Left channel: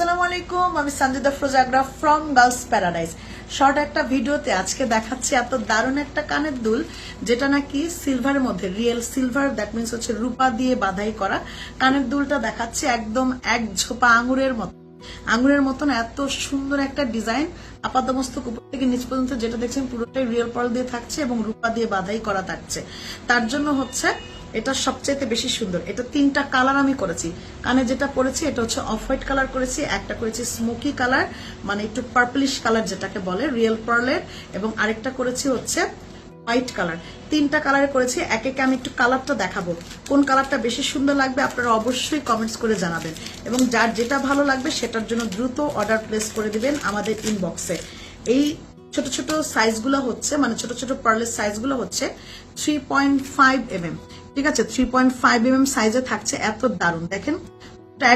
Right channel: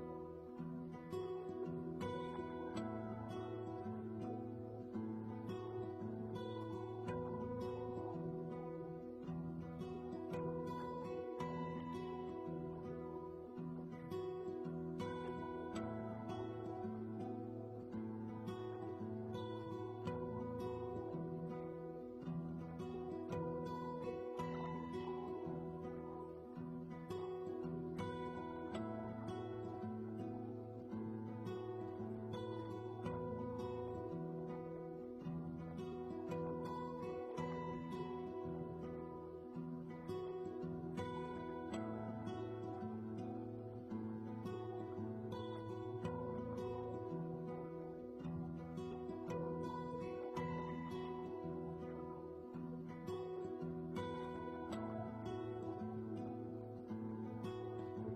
আসসালামু আলাইকুম, আমি সঞ্জিদা ফ্রোজাগ্রা ফ্রম গার্লস প্যারাডাইস শর্ট একটা ভিডিওতে আজকে দেখাচ্ছি এত দারুণ একটা কানের দুল, যেটা নাকি সিলভারের মধ্যে রিয়েল সিলভার দ্যাট মিনস হচ্ছে রূপা দিয়ে বাধাই করা। কানের দুলটা দেখাচ্ছি একদম এক ঝোপা আঙুরের মতো। আঙুরের মতন এত সুন্দর একটা ডিজাইন আপাতমস্তক উপর থেকে নিচ পর্যন্ত যেটা দেখছেন পুরোটাই রিয়েল পার্ল দিয়ে থাকছে এবং রূপা দিয়ে বাধাই করা থাকছে। তার জন্য হচ্ছে এটা সবচেয়ে বেশি সুন্দর। এটা তিনটা কালার আমি করেছি। কানে যেটা পরেছি, এটা হচ্ছে অফ হোয়াইট কালার করেছি, একটা করেছি স্মোকি কালার মানে একটু পার্পলিশ কালার যেটাকে বলে রিয়েল পার্লের এবং আরেকটা করেছি হচ্ছে হোয়াইট কালার। তিনটা কালারে করেছি, এক একে আমি একটু কালারটা দেখাবো। কোন কালারটা বেশি সুন্দর লাগবে আপনারা অবশ্যই কমেন্টস করে জানাবেন। এবং যার যেটা ভালো লাগবে সেটার জন্য দ্রুত অর্ডার প্লেস করে দিবেন আমাদের ইনবক্সে এই ছোট ছোট সাইজগুলো হচ্ছে মানে ছোট ছোট পার্লের সাইজগুলো হচ্ছে থ্রি পয়েন্ট ফাইভ এম ঠিক আছে? থ্রি পয়েন্ট ফাইভ এম সাইজে থাকছে, এত দারুণ। দেখেন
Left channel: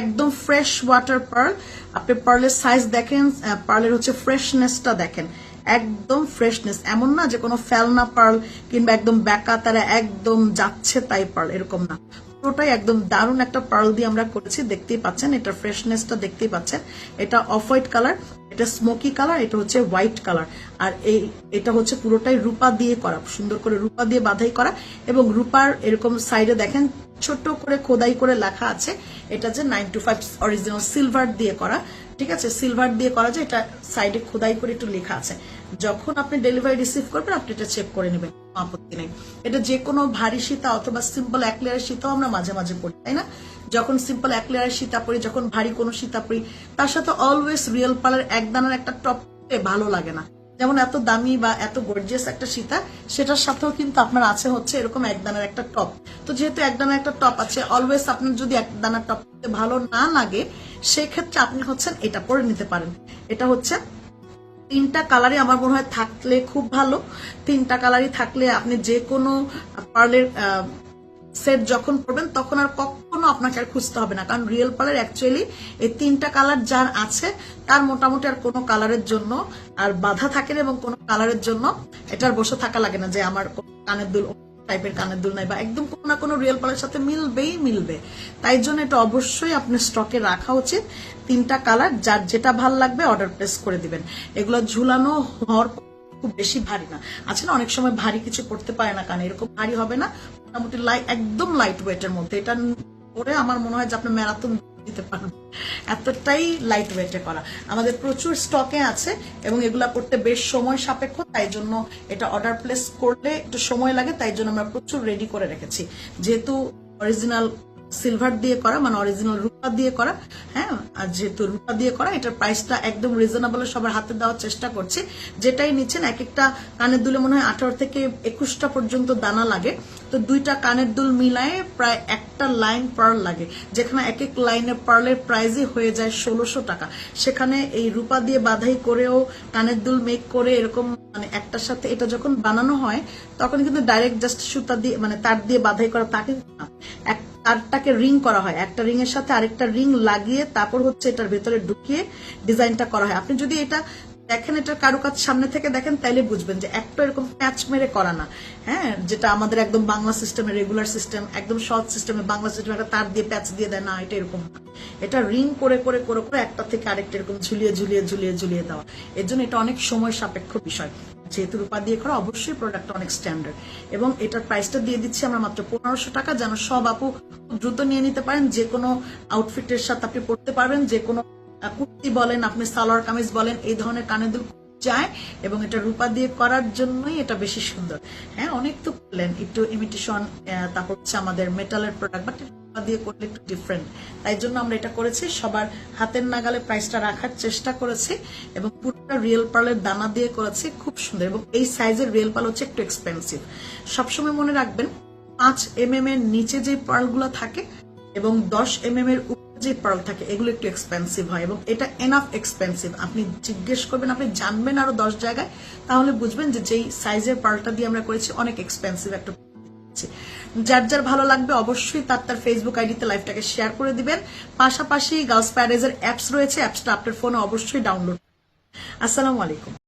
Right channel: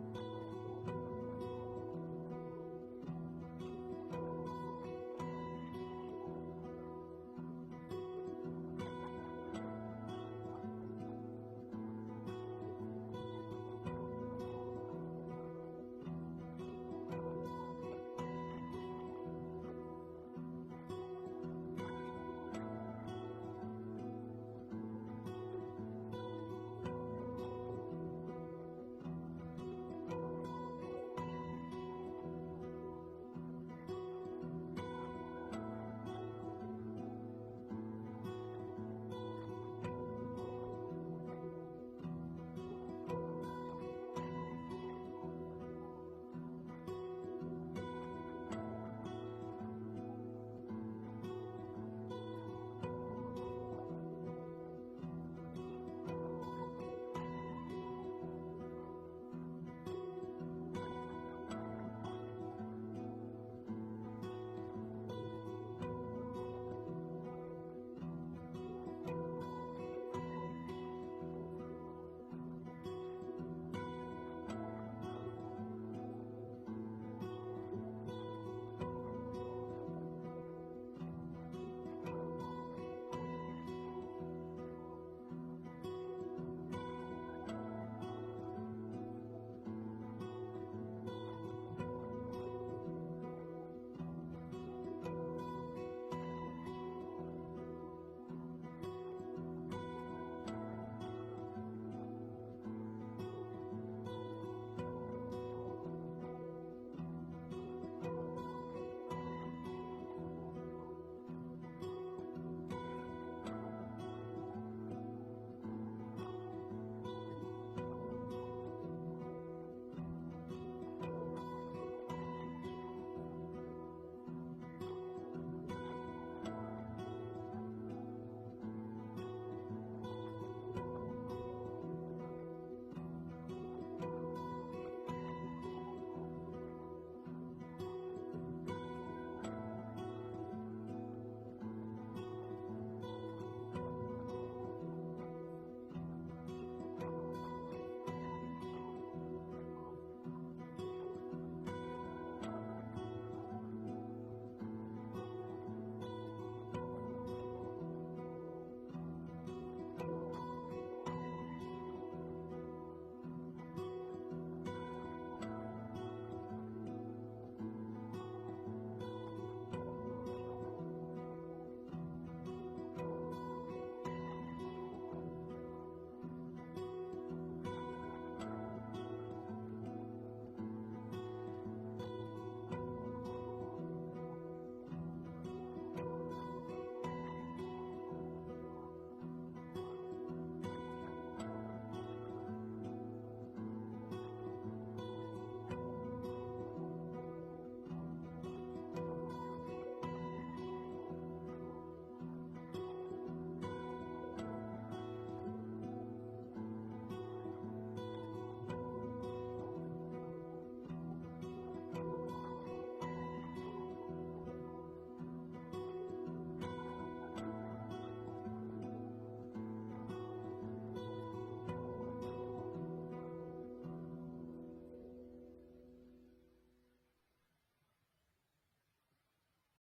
একদম ফ্রেশ ওয়াটার পার্ল আপনি পার্লের সাইজ দেখেন পার্লের হচ্ছে ফ্রেশনেসটা দেখেন। একদম ফ্রেশনেস এমন না যে কোনো ফেলনা পার্ল কিংবা একদম ব্যাকা তারা একদম যাচ্ছে তাই পার্ল এরকম না। পুরোটাই একদম দারুণ একটা পার্ল দিয়ে আমরা করেছি, দেখতেই পাচ্ছেন, এটা ফ্রেশনেসটা দেখতেই পাচ্ছেন। এটা অফ হোয়াইট কালার এটা স্মোকি কালার এটা হচ্ছে হোয়াইট কালার আর এই, এটা হচ্ছে পুরোটাই রূপা দিয়ে করা, সুন্দর করে রূপা দিয়ে বাধাই করা এবং রূপার এরকম সাইডে দেখেন ছোট করে খোদাই করে লেখা আছে। এটা যে nine two five original silver দিয়ে করা। ঠিক আছে? সিলভার দিয়ে করা যে এটা সাইডে খোদাই করে একটু লেখা আছে। যখন আপনি ডেলিভারি রিসিভ করবেন, আপনি এটা চেক করে নেবেন। আপত্তি নেই। এটা যে কোনো ভারী সীতা অথবা সিম্পল এক লেয়ারের সীতাও আমরা মাঝে মাঝে পড়ি, তাই না? যখন সিম্পল এক লেয়ারের সীতা পরি যখন ভারী কোনো সীতা পড়ি, তার সাথে অলওয়েজ রিয়েল পালের এক দানার একটা টপ ভালো লাগে না। যেমন এত দামি বা এত গর্জিয়াস একটা সীতা, সেটার সাথেও কিন্তু আপনার আছে হচ্ছে এরকম এক দানার একটা টপ তো যেহেতু এক দানার একটা টপ আছে অলওয়েজ আপনার যদি এক দানার টপ ভালো না লাগে, সেক্ষেত্রে আপনি হচ্ছেন এটা পরে নিতে পারেন। এটা হচ্ছে তিনটা কালারই আমার মনে হয় থাকলে খুব ভালো। তিনটা কালারই থাকলে আপনি যে কোনো পার্লের সেট যখন পড়বেন তখন আর কখনো আপনাকে আর খুঁজতে হবে না। কারণ রিয়েল পার্লার অ্যাকচুয়ালি এই তিনটা কালার যার আছে, তার মোটামুটি আর কোনো কালারের জন্য আর বাধা থাকে না এবং কোনো কালারের জন্য এটার বসে থাকা লাগে না যে আমার কানের দুল টাইপের কানের দুল নাই বা একদম কোনো না কোনো রিয়েল পালের সাথে মিলবেই মিলবে। তাই জন্য এটা অবশ্যই আপনার স্টকে রাখা উচিত। তিনটা কালার যার যেটা ভালো লাগবে অর্ডার প্লেস করে দিবেন। এগুলো ঝুলানো হওয়ার খুব বেশি ভারী না। আছে না, অনেক সময় ভারী কিছু করতে পারে না কানে, এরকম ভারী হবে না। মোটামুটি লাইট একদম লাইট ওয়েটের মধ্যে। এটা পরে আমার মনে হয় যে আপনি ম্যারাথন দিতে পারবেন এতটাই লাইট ওয়েটে করা। আমাদের প্রচুর স্টকে আছে এবং এগুলা করতে বেশ সময় সাপেক্ষ, তাই জন্য এটা অর্ডার প্লেস করলে একটু সময় লাগে, তাই জন্য আমরা প্রচুর রেডি করে রেখেছি। যেহেতু অরিজিনাল সিলভার দিয়ে করা মানে অরিজিনাল রূপা দিয়ে করা হ্যাঁ আর যেহেতু রূপা দিয়ে করা, এটার প্রাইসটা একদম রিজনেবল সবার হাতে দেওয়ার চেষ্টা করছি। যেটাই নিচ্ছেন এক একটা কানের দুলে মনে হয় আঠারো থেকে একুশটা পর্যন্ত দানা লাগে। তো দুইটা কানের দুল মিলায়ে প্রায় একটা লাইন পার্ল লাগে, যেখানে এক এক লাইনের পার্লের প্রাইজই হয়ে যায় ষোলোশো টাকা। সেখানে এই রূপা দিয়ে বাধাই করেও কানের দুল মেক করে এরকম মানে একটার সাথে এটা যখন বানানো হয়, তখন কিন্তু ডাইরেক্ট জাস্ট সুতা দিয়ে মানে তার দিয়ে বাধাই করা তাকে না। এক তারটাকে রিং করা হয়। একটা রিং এর সাথে আরেকটা রিং লাগিয়ে তারপর হচ্ছে এটার ভেতরে ঢুকিয়ে ডিজাইনটা করা হয়। আপনি যদি এটা দেখেন, এটার কারুকাজ সামনে থেকে দেখেন, তাইলে বুঝবেন যে একটা এরকম প্যাচ মেরে করা না। হ্যাঁ যেটা আমাদের একদম বাংলা সিস্টেমে রেগুলার সিস্টেম একদম সহজ সিস্টেমে বাংলা সিস্টেমে একটা তার দিয়ে প্যাচ দিয়ে দেয়, না, এটা এরকম এটা রিং করে করে করে করে একটা থেকে আরেকটা এরকম ঝুলিয়ে ঝুলিয়ে ঝুলিয়ে ঝুলিয়ে দেওয়া। এর জন্য এটা অনেক সময় সাপেক্ষ বিষয়। যেহেতু রূপা দিয়ে করা, অবশ্যই প্রোডাক্ট অনেক স্ট্যান্ডার্ড এবং এটার প্রাইসটা দিয়ে দিচ্ছি আমরা মাত্র পনেরোশো টাকা, যেন সব আপু দ্রুত নিয়ে নিতে পারেন। যে কোনো আউটফিটের সাথে আপনি পড়তে পারবেন, যে কোনো কুর্তি বলেন, আপনি সালোয়ার কামিজ বলেন, এই ধরনের কানে দুল যায় এবং এটা রূপা দিয়ে করার জন্যই এটা বেশি সুন্দর। হ্যাঁ অনেক তো করলেন একটু ইমিটেশন তারপর হচ্ছে আমাদের মেটালের প্রোডাক্ট বাট দিয়ে করলে একটু ডিফারেন্ট তাই জন্য আমরা এটা করেছি, সবার হাতের নাগালে প্রাইসটা রাখার চেষ্টা করেছি এবং পুরোটা রিয়েল পার্লের দানা দিয়ে করেছি, খুব সুন্দর। এবং এই সাইজের রিয়েল পার্ল হচ্ছে একটু এক্সপেন্সিভ সবসময় মনে রাখবেন, পাঁচ এম এম এর নিচে যে পার্লগুলো থাকে এবং দশ এম এম এর উপরে যে পার্ল থাকে, এগুলো একটু এক্সপেন্সিভ হয় এবং এটা এনাফ এক্সপেন্সিভ আপনি জিজ্ঞেস করবেন, আপনি জানবেন আরও দশ জায়গায়, তাহলে বুঝবেন যে যেই সাইজের পার্লটা দিয়ে আমরা করেছি, অনেক এক্সপেন্সিভ একটা যার যার ভালো লাগবে অবশ্যই তার তার ফেসবুক আইডিতে লাইভটাকে শেয়ার করে দিবেন। পাশাপাশি গার্লস প্যারেজের অ্যাপস রয়েছে অ্যাপসটা আপনার ফোনে অবশ্যই ডাউনলোড আসসালামু আলাইকুম।